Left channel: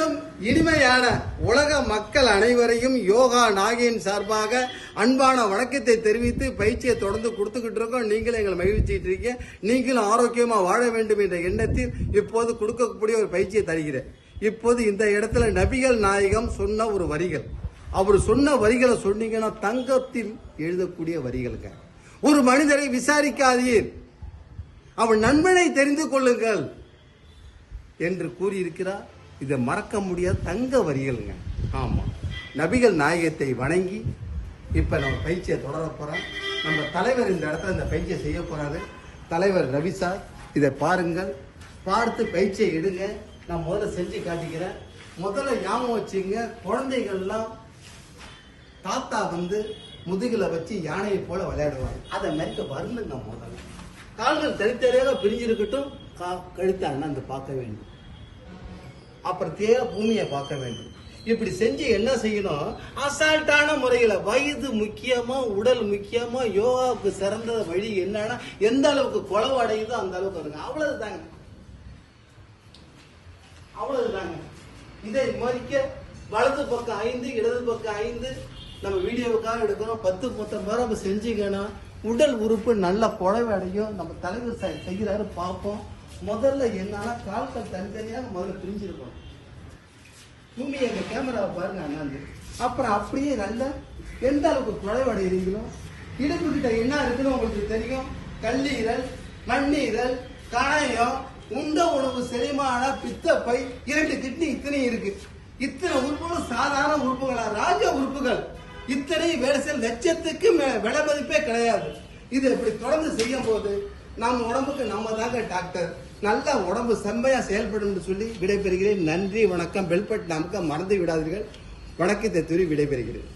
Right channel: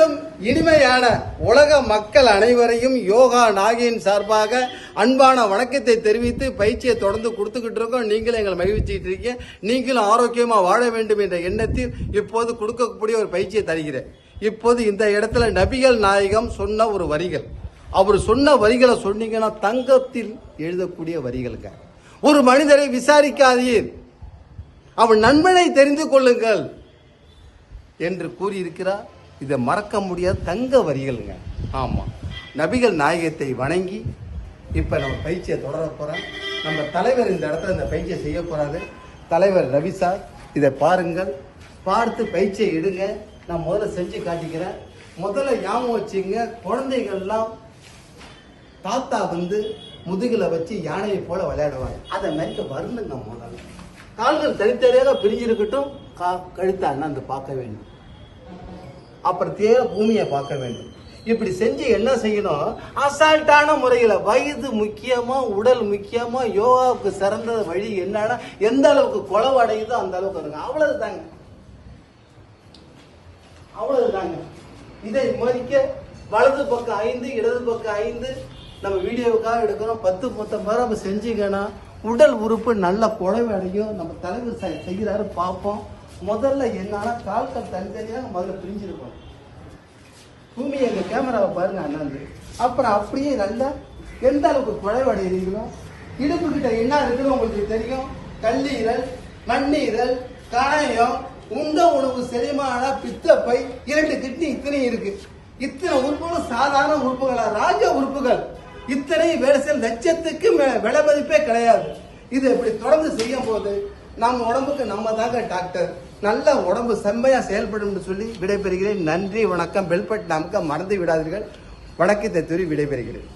அனைவரிலும் இனிமையான உலக மக்கள் அனைவரையும் யோகா நாகியின் சார்பாக அன்பான வணக்கத்தை தெரிவித்து பயிற்சியை தொடர்ந்து கொடுத்துக்கிட்டு இருக்கோம். நீங்களும் எங்களை மகிழ்ச்சிட்டு இருக்கீங்க. நீங்களும் ஆரோக்கியமா வாழ வேண்டும் என்ற எண்ணத்தில் இப்போது கொடுக்கக்கூடிய ஒரு பயிற்சியை தருகிறேன். இப்போது இந்த இடத்துல நபிகள் நாயகம் சொன்ன ஒரு வரிகள், அவர் சொன்ன வரிகளை சொன்னீங்கன்னா தங்கத்தில் எழுதக்கூடிய வரிகளுங்க. ஒரு மனிதரை விசாரிக்காதீர், அவன் நண்பனை தெரிந்து கொள்ளுங்கள் என்று கூறியிருக்கிறார். இதை மறக்க முடியாத தங்க வரிகளுங்க. ஆமா, நபிகள் நாயகத்தை வணங்கி இப்ப நம்ம பயிற்சியை தொடர போறோம். நம்ம தலைவர் இந்த இடத்துல இந்த பயிற்சியை செய்ய போறாரு. தலைவர் ரவி சார், இதை பாருங்கள், பார்த்து பயிற்சியை எடுங்க. நான் முதல்ல செஞ்சு காட்டிக்கிறேன். முதல்ல ஞாபகம் வச்சுங்க, குழந்தைகள்லாம் தாத்தா முதுகுல வச்சு யானையை போல விளையாடுவாங்க. அதை மென்ட்டு வருந்துங்க. முதல்ல கால்கள் தனித்தனியாக பிரிஞ்சிருக்கட்டும், கழுத்தை அண்ணாந்து பார்க்க வேண்டும். அப்புறம் பூமியை பார்க்க வேண்டும். இப்படி செஞ்சு என்ன செய்யணும், அசால்ட்டான முறையில் வயது முக்கியமா உடல் முக்கியமா, யோகாவுக்கு சிறந்த வழி என்னன்னா எந்த அளவுக்கு குளவு அடையுதோ அந்த அளவுக்கு இருக்கு. அவ்வளவுதாங்க, அவ்வளவுதாங்க. இதை மறிக்க வலது பக்கம் 5, இடது பக்கம் 5 நம்ம வீடியோவுக்காக எடுக்கணும். 10-10 முறை நம்ம செஞ்சீங்கன்னா உடல் உறுப்பு நல்ல குழவை அடையும். நம்ம தலைவர் செய்கிறாரு பார்ப்போம். முதல்ல என்னன்னா கால்கள் தனித்தனியாக முதல்ல பிரிஞ்சிருக்கோம். பூமியை அந்த கேமராவை பாருங்க அண்ணாந்து. அப்புறம் அப்படியே நல்லா எந்த அளவுக்கு குழைவடைகிறீங்களோ, இடுப்பு கிட்ட என்ன இருக்குன்னு உங்களுக்கு தெரியும். கல்லீரல், மண்ணீரல், காயம், உண்ட உணவு, செரிமான, பித்தப்பை, 2 கிட்னி இத்தனை இருக்கு. இத்தனை உறுப்புகள் சாதாரண உறுப்புகளா, ராஜ உறுப்புகள். இத்தனை வேலை செய்ய லட்சத்துக்கு விலை மதிப்பே கிடையாது. இது இப்படி தொடர்ந்து செய்யும் போது நம்ம உடம்புக்கு நம்ம தாங்க டாக்டர். நல்ல உடம்பு செம்மையா செயல்படும் சொல்லி விடைபெறுகிறேன். நன்றி, வணக்கம். பெல்பட் நமக்கு மறந்து விடாதீர்கள். வணக்கத்தை கூறி விடைபெறுகிறேன்.